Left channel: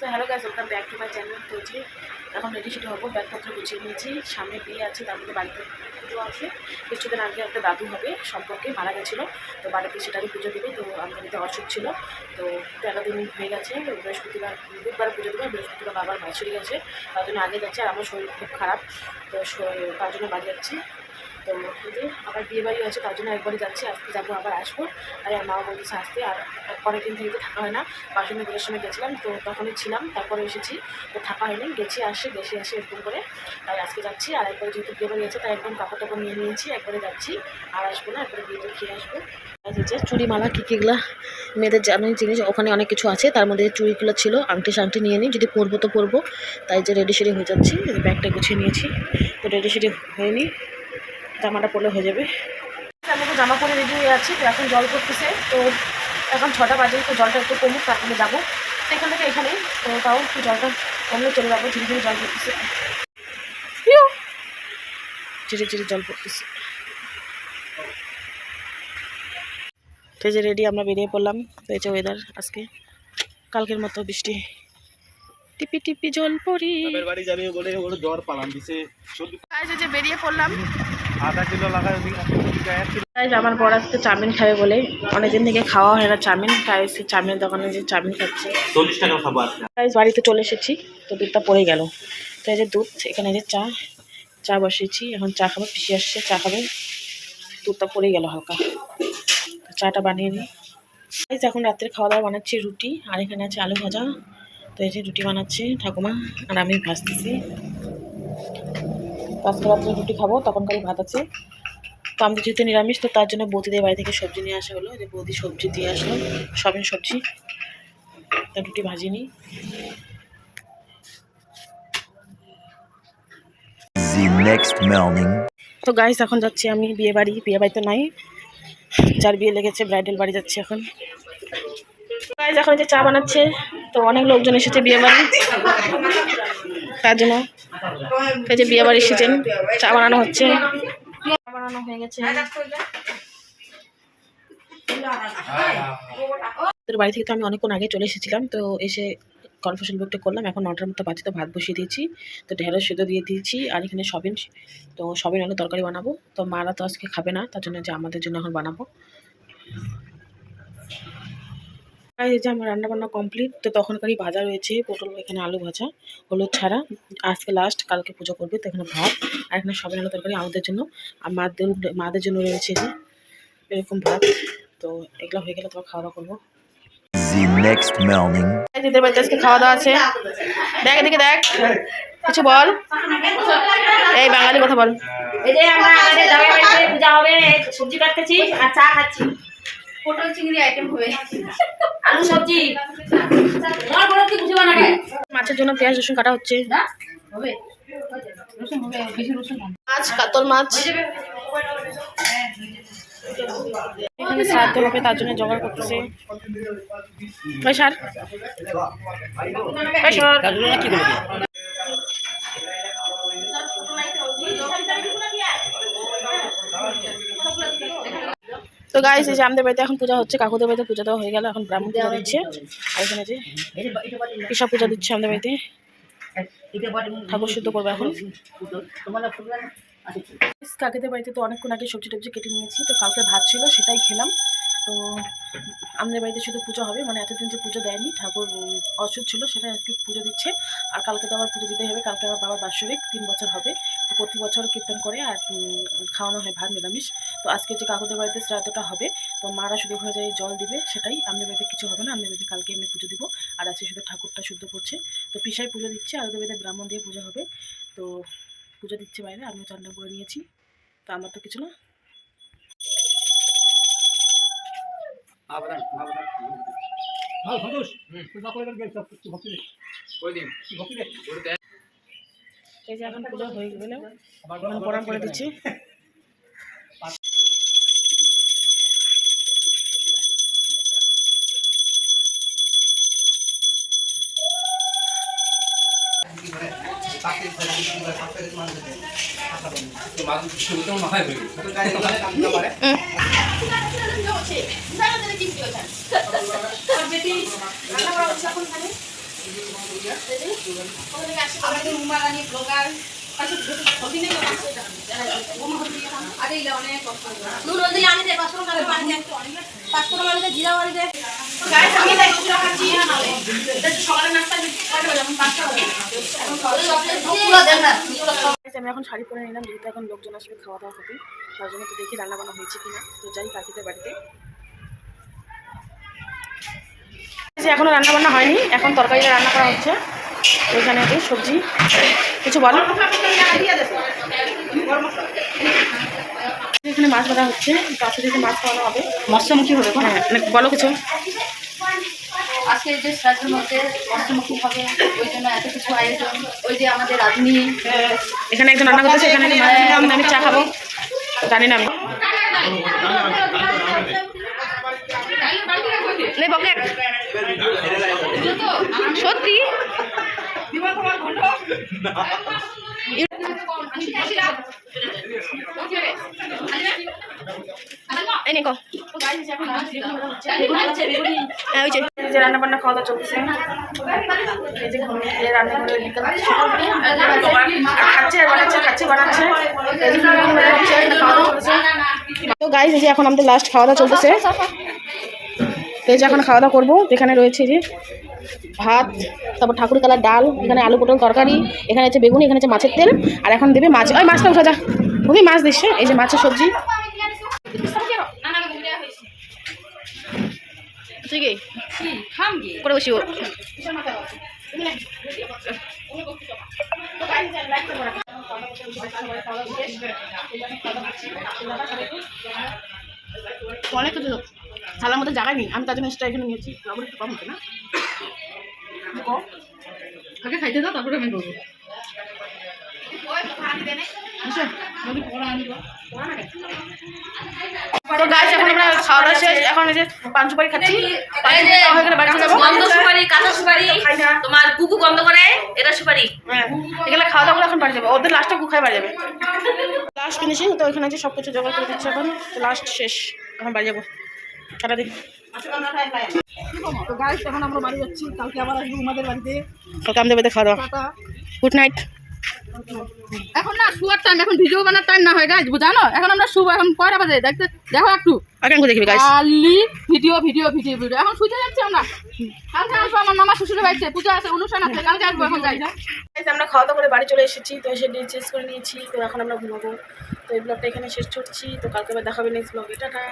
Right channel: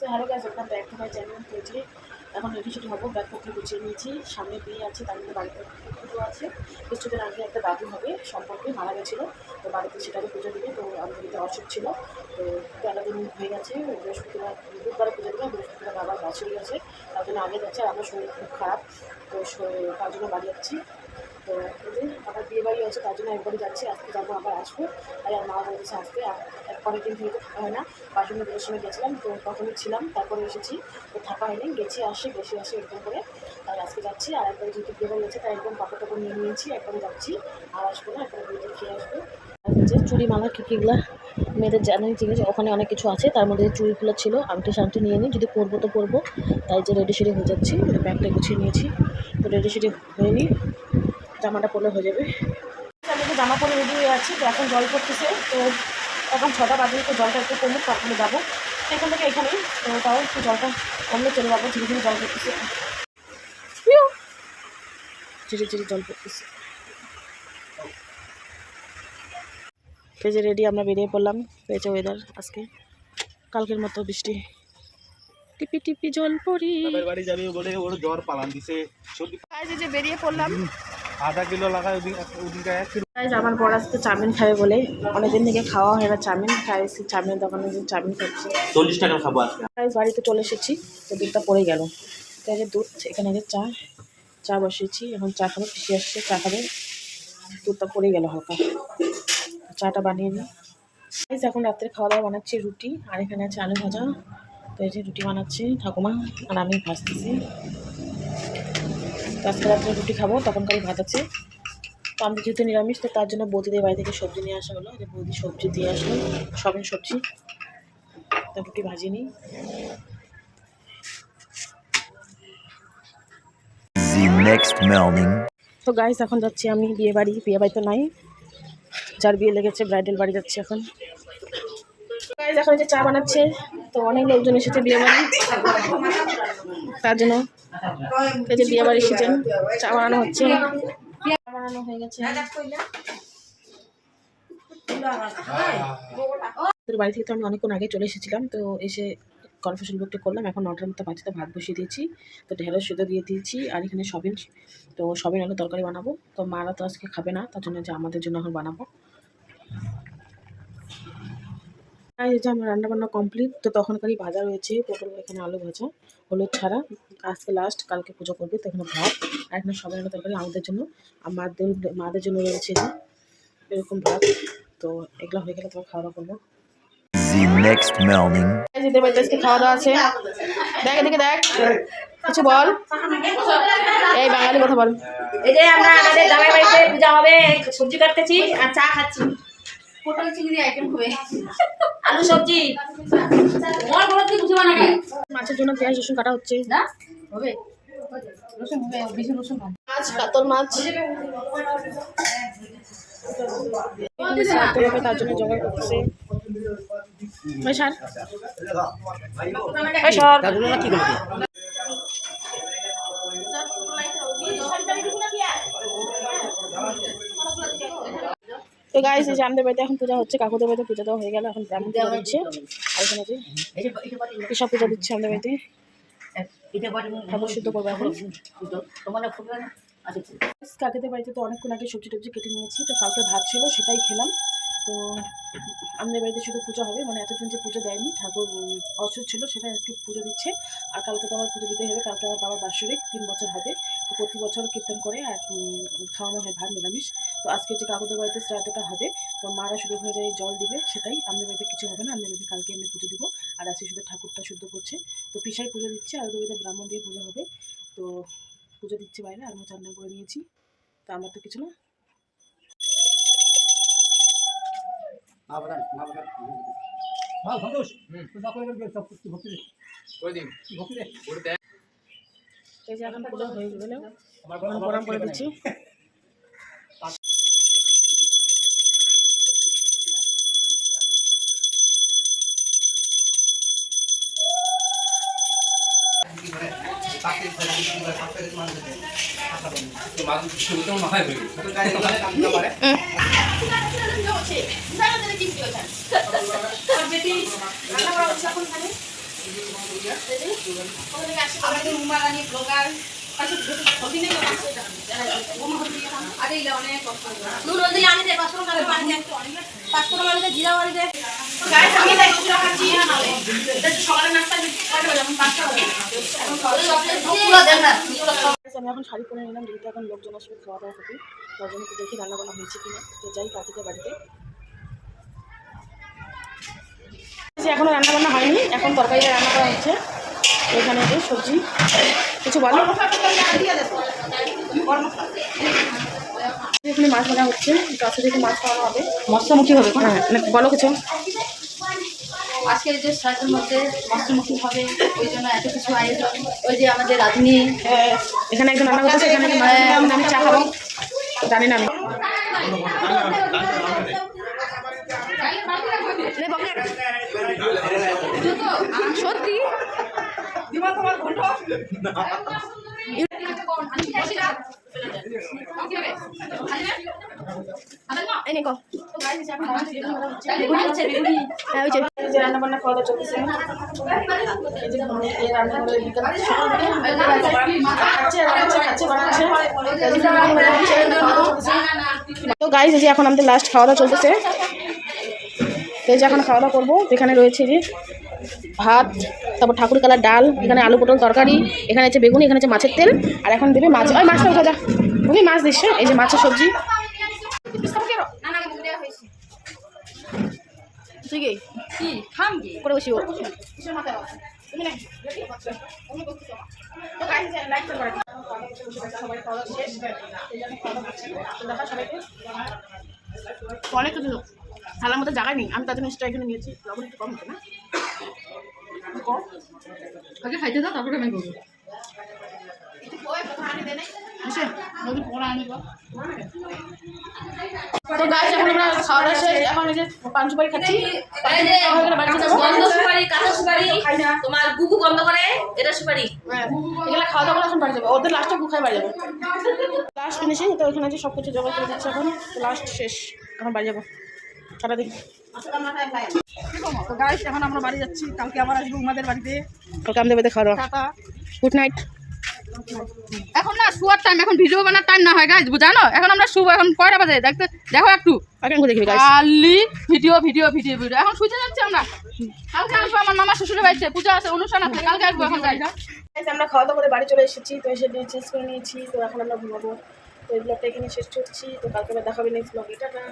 So hello guys, welcome back to my channel. তো যে এখন রেডি সেটি হবো, ব্যাগপত্র গুছিয়ে নিয়েছি। সামনে বিয়ে আছে, তার মধ্যে বাড়িতে পুজো আছে। কিছুদিন আগে একটা দাদু হবে সম্পর্কে মারা গেছিলো, তো বাড়িতে সেটারই পুজো দিবে। তো আমাদের বাড়িতে অসুখ ছিল, তো 13 দিন হয়ে গেছে। বৃহস্পতিবার বুধবারে পুজো দেবে, বৃহস্পতিবার বাবার বাছুরি গেছে, তার জন্য আগে যাচ্ছে। আর আমার শরীর খুব খারাপ, তো তার জন্য বাড়ি যাচ্ছি। তো ওই যে আবার বিয়ে বাড়ি আছে, তার জন্য একবারই যাচ্ছি, আজকে যাবো আবার আসবো। তাই আর মাও বলতেছে আসতে। আর পরের দিন থেকে তো থাকা হয় না, বাসন্তী পুজোর সময় গেছিলাম, তো তখনই ছিলাম, তারপরে এসেছি, তো থাকা হয়নি, গেছি আসে এরকম করে। তাই আজকে যাচ্ছি। আর একবারে যেহেতু বিয়ে বাড়ি আছে, তাই একদম কাপড় টাপড় নিয়ে নিয়েছি, একবারে যাচ্ছি, আর আসবো না, একবারে বিয়েতে খেয়ে আসবো। যে চুড়িমালা কীগুলা মেয়েদের জানাই জিনিস, ওখানে অনেক কিছু আছে, তার মধ্যে চুড়িগুলো ছিল, আংটি শাংটি নিয়ে নিই, যদি পরবো তো পরবো। তাই যে রেডি সেডি হয়ে যাচ্ছি, ব্যাগটা গুছিয়ে নিয়েছি, তো রেডি সেডি হয়ে নিই, জামাটা পরলে হয়ে যাবে। আমি তো জামা পরে রেডি হয়ে আছি, তো এখন জল পড়তেছে, তো এখন 6টা বাজে, তো জলটা একটু কমুক, তারপরে যাবো। তো এখান থেকে এখানেই, তো তাও একটু জলটা কমলে চলে যাবো। ধীরে ধীরে জল পড়তেছে, ধীরে ধীরে জল পড়তেছে। তো যে রেডি আমরা বেরিয়ে পড়লাম। তো এই যে ওয়েদার আজকে কালকের মতো বৃষ্টি, টিপি টিপি জল পড়ি। বাড়ি যাবে বলে ওর জ্বর পালান দিছে। যে বেরিয়ে পড়লাম, আধা কিলো লাগায় আমার বড় আজকে চাউমিন খাবে বলে, অনেকদিন থেকে খাওয়া হয় না চাউমিন, তাই চাউমিনের দোকানে যে চাউমিন খাচ্ছে। 40 টাকা খাবার। বাড়িতে চলে এসেছি, তো দুধটা পড়ে গেল। তো এই যে দুধ, এখানে যে চা বসিয়েছি, এখন চা খাবো, পিসি আসছে, চা খাবে, দুধটা পড়ে গেল হালকা, চাটা বানিয়ে নিই। এখন রাত্রে খাওয়া দাওয়া বানাচ্ছি রুটি, আর এখানে আছে আলু ভাজা। তো এই যে রুটি বানাচ্ছি ঠাকুমা, আর আমি ভাজতেছি। তো আজকে রাত্রে রুটি খাবো, তখনকারই ভাত আছে। তো আমাদের যেহেতু নিরামিষ, তো তার জন্য বৌদিদের বাড়ি থেকে সবজি নিয়ে আসা হলো, যে বৌদি সবজি দিয়ে আসলো, সবিন সবজি। তো রুটি ভাজিয়ে নিই। তো গাইস, এখন যাচ্ছি আমি বিয়ে বাড়িতে নাই, যার বিয়ে লেগেছে ব্রাইডাল বাড়ি যাচ্ছি এখন। গাইস, এখন যে চা বানাচ্ছে, তো অনেক লোকজন এসেছে বিয়ে বাড়ি, তার জন্য এই যে বিয়ে বাড়ি এসেছেন, চা বানানো হচ্ছে, বানানো হয়ে গেছে। বাড়ি থেকে তো আমি অনেকক্ষণ আগে চলে এসেছিলাম, তো এসে কনফিউশন বুকটা করলাম। এখন 9টার মতো বাজে, তো ভাত বসিয়ে দিয়েছি, তো ঢেঁড়স সিদ্ধ দিয়ে দিয়েছি, আর এখানে সবিন, তো সবিন আলু তরকারি বানাবো। তো মারা তো আজকে খাবে না, তার জন্য যে আমাদের জন্য এখন বানাবো। এই যে আমার রান্নাবান্না কমপ্লিট, তো তখনকারই ভাজা রয়েছে পটল, এখানে আলু ভাজা, হলুদ ছাড়া, আজকে লাস্ট, কালকে পুজো করবে। তো এখানে ভাত, আর এখানে সবিন আলু তরকারি আমাদের জন্য, আর মাদের জন্য রয়েছে যে এরকম ভাত। তো এগুলো হয়ে গেলে তোমার খাওয়া দাওয়া করবো। যেতে পারতে আজকে খাওয়া দাওয়া আছে, দেখ এদিকে দেখ, কিছু বল, এই বাঙালি কথা বল। এই যে আমরা আমাদের জামাই বাড়িতে পূজা হবে, সবজি কাটতেছি আর চা খাচ্ছি। পটল চিংড়ি আইটেম হবে, আলু সবজি। তোমার বড় কি বুঝবা না? মাছের জন্য পেঁয়াজ রসুন কাটা হচ্ছে, না হবে, রসুন হবে, বেশি রসুন না। মাছ, কাতল মাছ এখানে সারতে হবে, তার জন্য জোগাড় করতেছে। তো গাইস, এই যে আমাদের বাড়িতে এখন পূজা হচ্ছে, কাকুদের বাড়িতে পূজা দেওয়া হয়ে গেল, এখন ব্রাহ্মণ পূজা দিচ্ছে। আর এখানে যে পিসা পূজা দিচ্ছে আমাদের বাড়িতে, ঠাকুর শুদ্ধ করবে এখন। কাকিদের বাড়িতে তো অনেকক্ষণ আগে সবজি টবজি কেটে নিয়েছি, তো কালকে ভাত ছিল সেটাই খেলাম। তো আমাদের বাড়িতে শুধু পুজো হবে, মানে এতদিন যে পুজো দেয়নি, ঠাকুর অসুখ ছিল, সেটা আজকে পুজো দিচ্ছে। আর কালকে তো আবার পুজো দিতে হবে, কালকে আমার বাবার বাৎসরিক 3 বছর হবে, তো প্রতি বছর কীর্তন করে আর খাওয়ানো হয় ভাত নিরামিষ। তো আজকে যে কাকুদের বাড়িতে শ্রাদ্ধটা হবে, তো মারা শুধু হয়ে যায় জল দিবে, সেটাই আমাদের বাড়িতে কিছু হবে না। আমাদের বাড়িতে কালকে এমনি পুজো দিব, আর আজকে শুধু ঠাকুরটা শুদ্ধ করছে। তো পিসাই পুজো দিচ্ছে, আর ওদের বাড়িতে ব্রাহ্মণ দিয়ে পুজো হবে। তো পুজো দিচ্ছে বাইরে, আমিও চান করে নিয়েছি, তো আমার তো কিছু না। এই যে এখন পুজো হয়ে গেলে প্রণাম করে দিচ্ছি। আমাদের উমারানি ব্লগার নুন হলদি আনি দে 500 টাকা পানি দে 500 টাকা আনি দে জিরা আনি দে গাইস আমি দেখ পুরো খাচ্ছি না নালে এটা সকালে নাস্তা করতে যখন 5টা হবে পুরো দেন না আমি এখন শাড়ি পরে নিলাম, যেহেতু এখন লোকজন আসবে, খাওয়া দাওয়া হবে, তার জন্য তো দেখি রান্না বান্না হয়েছে কিনা। তো যাই কাকিদের বাড়িতে। এখনো রান্না বান্না হয়নি, এখন তরকারিটা রান্না করা হচ্ছে। ওইখানে সবজি কিছু বলো। এখানে মাছ ভাজা হচ্ছে, কাছে থেকে মাছ খাওয়ানো হবে, মৎস্যমুখী হবে। বলো কিছু। আজকের যে শ্রাদ্ধের মধ্যে মৎস্যমুখী হবে, ওই জন্য এত কিছু আয়োজন। ওই যে আমাদের রাঁধুনি এখানে একজন রান্না করতেছে, এখানে আমি চা খাবো, জানি না আমি। সত্যি রান্না বান্না খাওয়া দাওয়া চলতেছে। এই যে রান্না করে খাচ্ছে বানাচ্ছে। তো গাইস এই যে এখন আমাদের লাস্ট খাওয়া দাওয়া চলতেছে। তো এই যে এখন খাওয়া দাওয়া করবো। এখানে রয়েছে যে ভাত, তারপর ঠাকুর কালার ডাল, এখানে আলু পটল তরকারি, এখানে আছে বেগুনি, এখানে আছে মাছের তেল, আর এখন দেবে মাছ। ওই মাছটা ভাজা তুমি মাছ দিচ্ছে। এই যে মাছের সবজি করে বসি অনেক কিছু থালার মধ্যে জায়গা নেই, আমি তার জন্য এক্সট্রা এখানে নিয়েছি। একটু কম হচ্ছে না, আগে খাইতে দাও তারপরে আমি বলবো। তো গাইস এখন আমরা খাওয়া দাওয়া শেষ, এখন এই যে পান সুপারি খাচ্ছি। তোমার গুগু বন্ধ করে এটা সুপারি এগুলো খাওয়া দাওয়া করে এখন বাড়ি যাবে, ওদের লাস্টটা গুখায় বাড়ি যাবে। Last finishing. তো এখানে যে সব কিছু জোগাড় করে দিচ্ছে, এখন লাস্ট শেষ, এখন বাড়ি যাবো সারাদিন। তো গাইস এখন আমরা বাড়ি যাচ্ছি, কালকে আবার আসবো আমাদের বাড়িতে, কালকে আমাদের বাড়িতে খাওয়া দাওয়া। Good night. এখন না শুয়ার টাইম, এখন ভিডিও বানার টাইম না হয় গাইজ, জানো? এখন আমরা শুভ, এখন কয়টা বাজে দেখতে দেখো একটু। এখন দেখবি গাইস খালি ভিডিও ভিডিও ভিডিও ভিডিও। এখন শুতে যাচ্ছি আমরা, কালকে আসবো। আমার মামা শ্বশুরের বাড়িতে পূজা আছে, অনুষ্ঠান আছে, কালকে আসবো। এখন যাই না, আমরা খাওয়া দাওয়া করে বাড়ি চলে এসেছি। তো এসে চেঞ্জ করে নিয়েছি। তো এখন আমরা ঘুমাবো। তো এই ব্লগটা এখানে শেষ করছি। তো কালকে আবার দেখাবে নেক্সট ব্লগে। টাটা।